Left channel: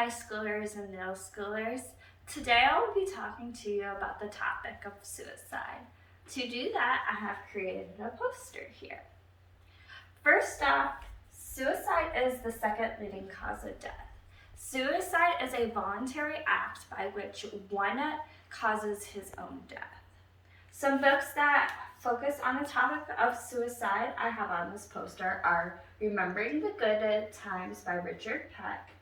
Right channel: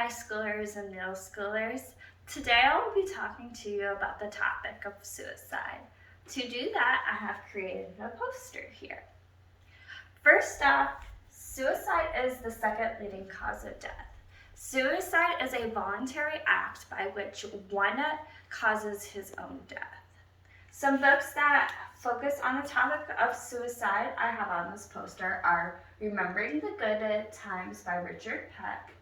high schoolers and middle schoolers. Today I will be talking to you about the topic of suicide. To do that, I have created a poster here. First off, suicide is the second leading cause of death. Suicide is a voluntary act by which one causes his own death. Some books that focus on the topic of suicide I have on this poster are Remembering the Good Times by Richard Peck,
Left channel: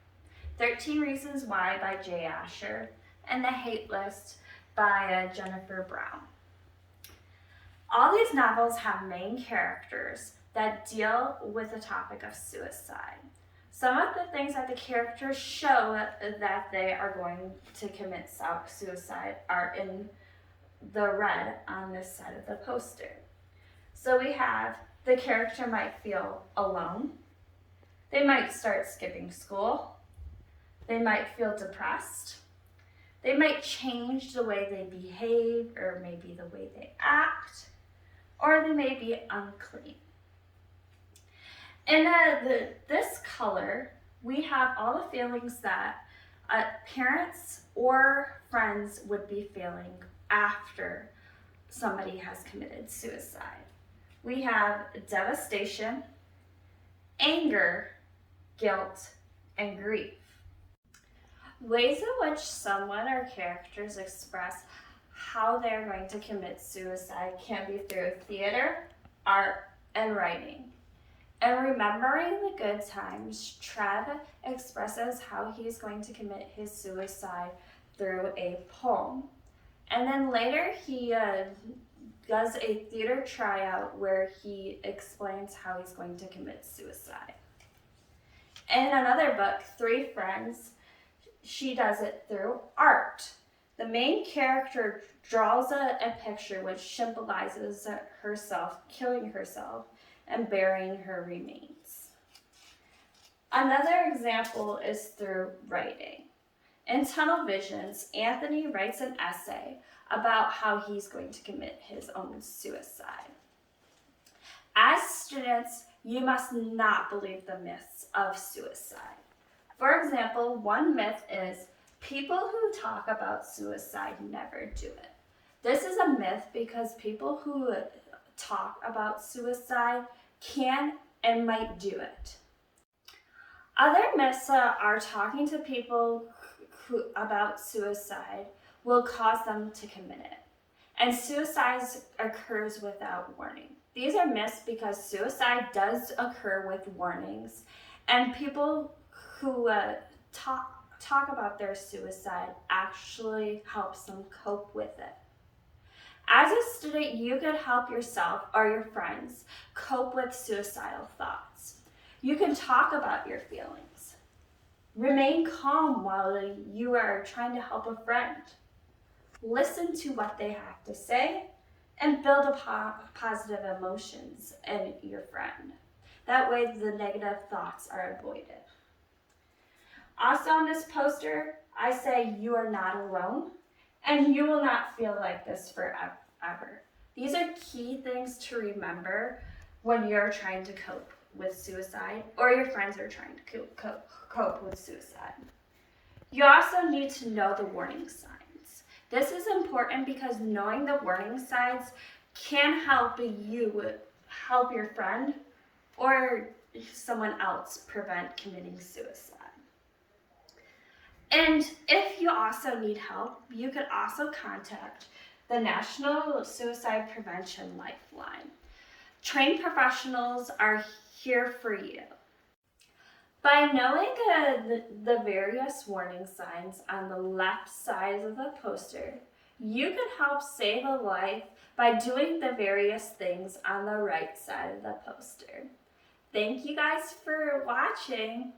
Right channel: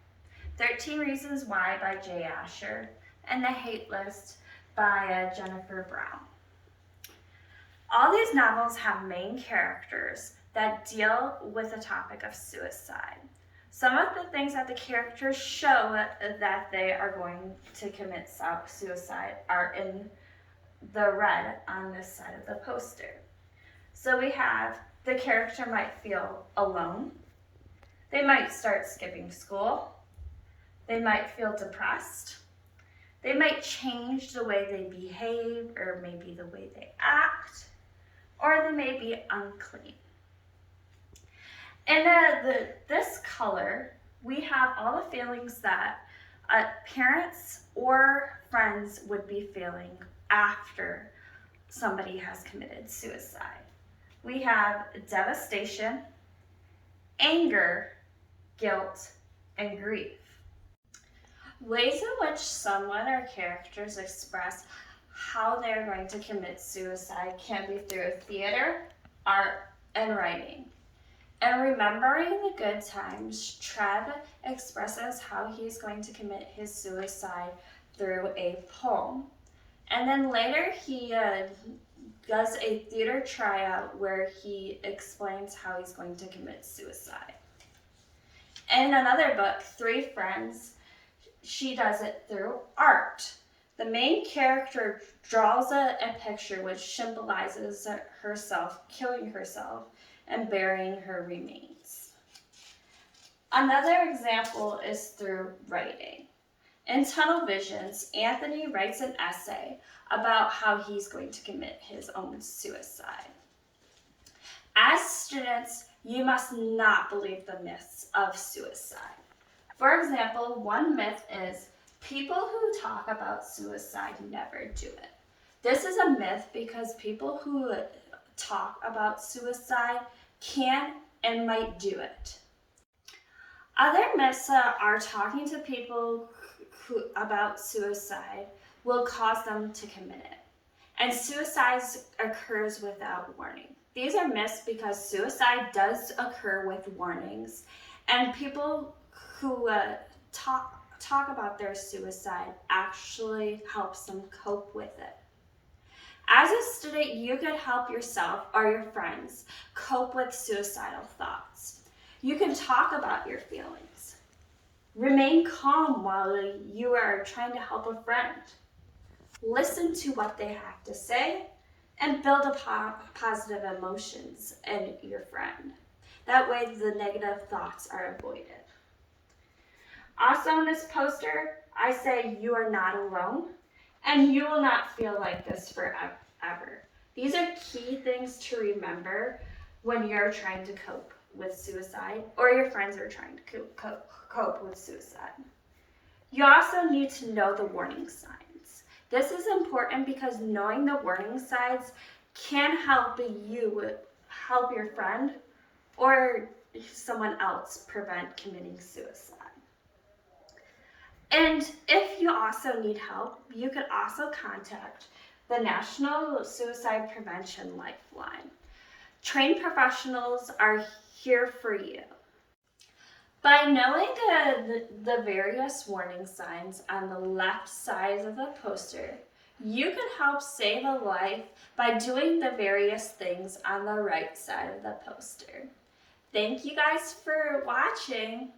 13 Reasons Why by Jay Asher, and The Hate List by Jennifer Brown. All these novels have main characters that deal with the topic of suicide. Some of the things that the characters show that they are going to commit suicide are in the red on this side of the poster. So we have the character might feel alone. They might start skipping school. They might feel depressed. They might change the way they behave or maybe the way they act, or they may be unclean. In this color, we have all the feelings that parents or friends would be feeling after somebody has committed suicide. We have devastation, anger, guilt, and grief. Ways in which someone or characters express how they're going to commit suicide can be through theater, art, and writing. In Remembering the Good Times, Trev expresses how he's going to commit his suicide through a poem. And then later he does a theater tryout where he explains how he's going to commit suicide. In another book, Three Friends, she does it through art. The main character draws a picture which symbolizes herself killing herself and burying her remains. Another example is through writing. In Tunnel Visions, Anthony writes an essay about how he's going to commit his own suicide. As students, you must not believe the myths of suicide. For example, one myth is people who talk about suicide never do it. This is a myth because people who talk about suicide can and might do it. Other myths are talking to people about suicide will cause them to commit it. And suicide occurs without warning. These are myths because suicide does occur with warnings, and people who talk about their suicide actually helps them cope with it. As a student, you can help yourself or your friends cope with suicidal thoughts. You can talk about your feelings. Remain calm while you are trying to help a friend. Listen to what they have to say and build positive emotions in your friend. That way the negative thoughts are avoided. Also on this poster, I say you are not alone and you will not feel like this forever. These are key things to remember when you're trying to cope with suicide or your friends are trying to cope with suicide. You also need to know the warning signs. This is important because knowing the warning signs can help you help your friend or someone else prevent committing suicide. And if you also need help, you could also contact the National Suicide Prevention Lifeline. Trained professionals are here for you. By knowing the various warning signs on the left side of the poster, you can help save a life by doing the various things on the right side of the poster. Thank you guys for watching.